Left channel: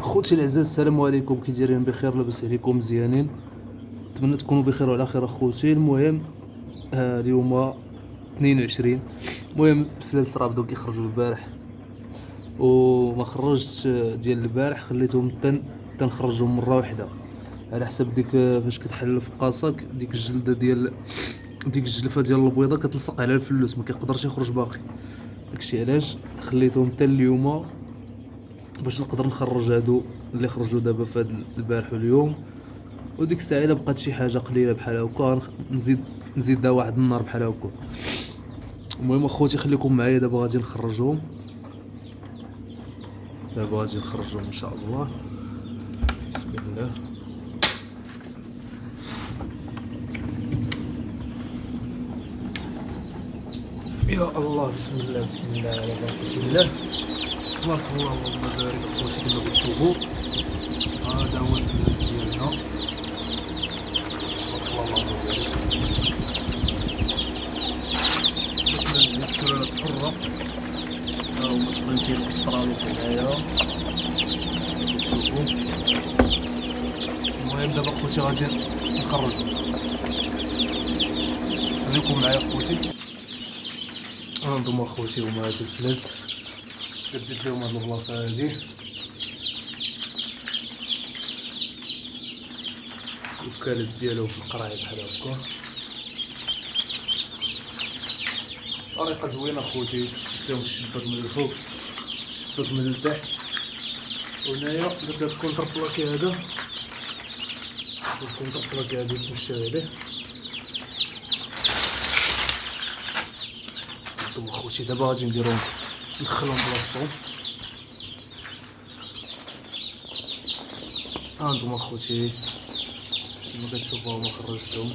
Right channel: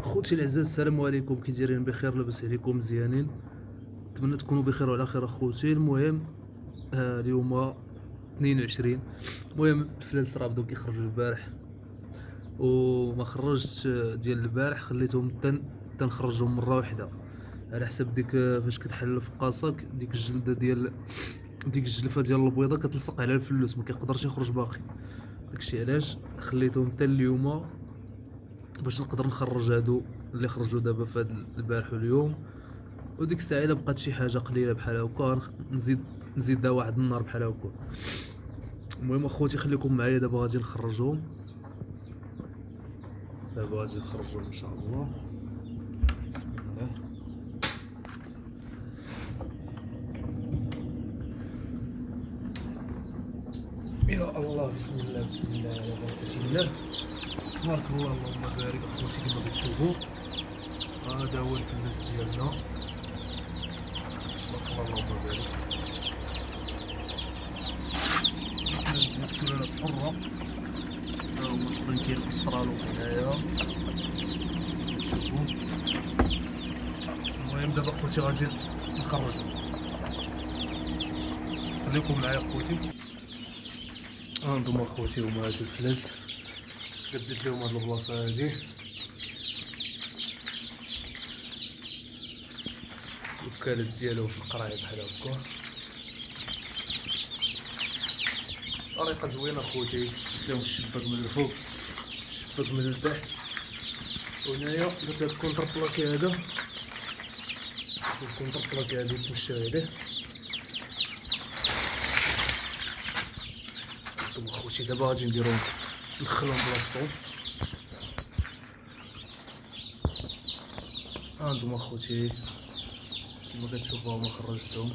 خوتي العزاز، السلام عليكم. كي دايرين؟ بخير؟ لاباس عليكم؟ مزيانين؟ نتمنى تكونوا بخير وعلى خير اخوتي. المهم اليوم 22. المهم الفلانس راه بداو كيخرجوا البارح وما خرجتش ديال البارح، خليتهم تنخرجهم مره واحده على حسب ديك فاش كتحل في قاصك ديك الجلده ديال ديك الجلفه ديال البيضه كتلصق على الفلوس، ما كيقدرش يخرج باقي. داكشي علاش خليتهم حتى اليوم باش نقدر نخرج هادو اللي خرجوا دابا في هاد البارح واليوم. وديك الساعه الا بقات شي حاجه قليله بحال هكا نزيدها واحد النهار بحال هكا. المهم اخوتي خليكم معايا، دابا غادي نخرجهم، دابا غادي نخرجهم ان شاء الله. بسم الله. يا الله، بسم الله بسم الله على بركة الله. تبارك الله، اللهم بارك اخوتي. كما كتشوفوا هذا هو الفلس ديالنا، تبارك الله اللهم بارك. الفلس ديال السلالة الحرة، ها هما دخلين كاين الاسترالو هنايا كتشوفوا. المهم دابا اخوتي غادي نخرجو، خليكم معايا اخوتي. هانتوما اخوتي هما هاد الفلس، قديت لهم هاد البلاصه هادي، الوكالات ديالهم في القرايه بحال هكا. طريقه زوينه اخوتي، درت لهم الشباك من الفوق الشباك من التحت، وهنايا درت هاد الكونتر بلاكي هذا، الكونتر بلاكي هادي تمشى عليه. هانتوما اخوتي دابا غادي نديرهم ندخلهم بلاصتهم. هانتوما اخوتي كما كتشوفوا هما خرجتهم،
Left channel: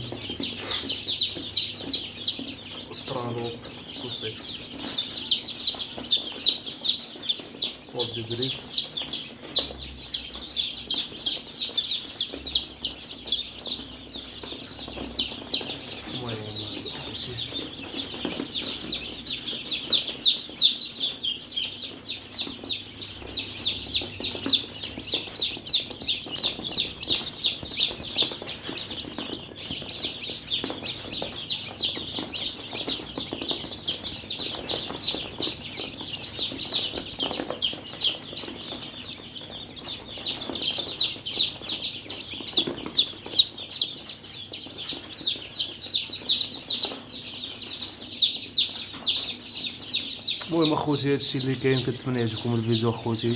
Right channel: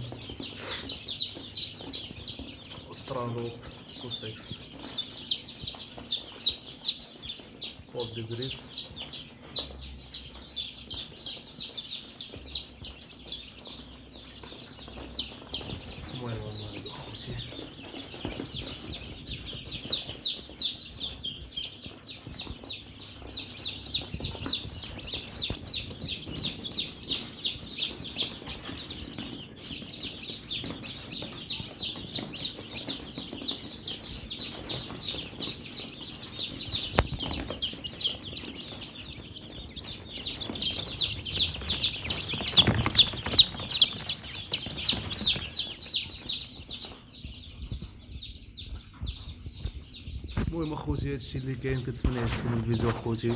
استرالو، سوسكس، بور دي بريس. المهم هما هادو اخوتي. المهم اخوتي هادشي اللي كاين، كنتمنى يعجبكم الفيديو اخوتي.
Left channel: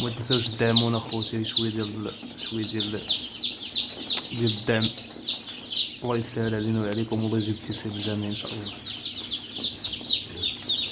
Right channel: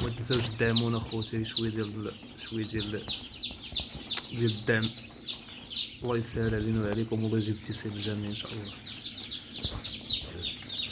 وما تنساوش تدعمونا اخوتي، شويه ديال الدعم، الله يسهل علينا وعليكم، والله يجيب التيسير الجميع ان شاء الله.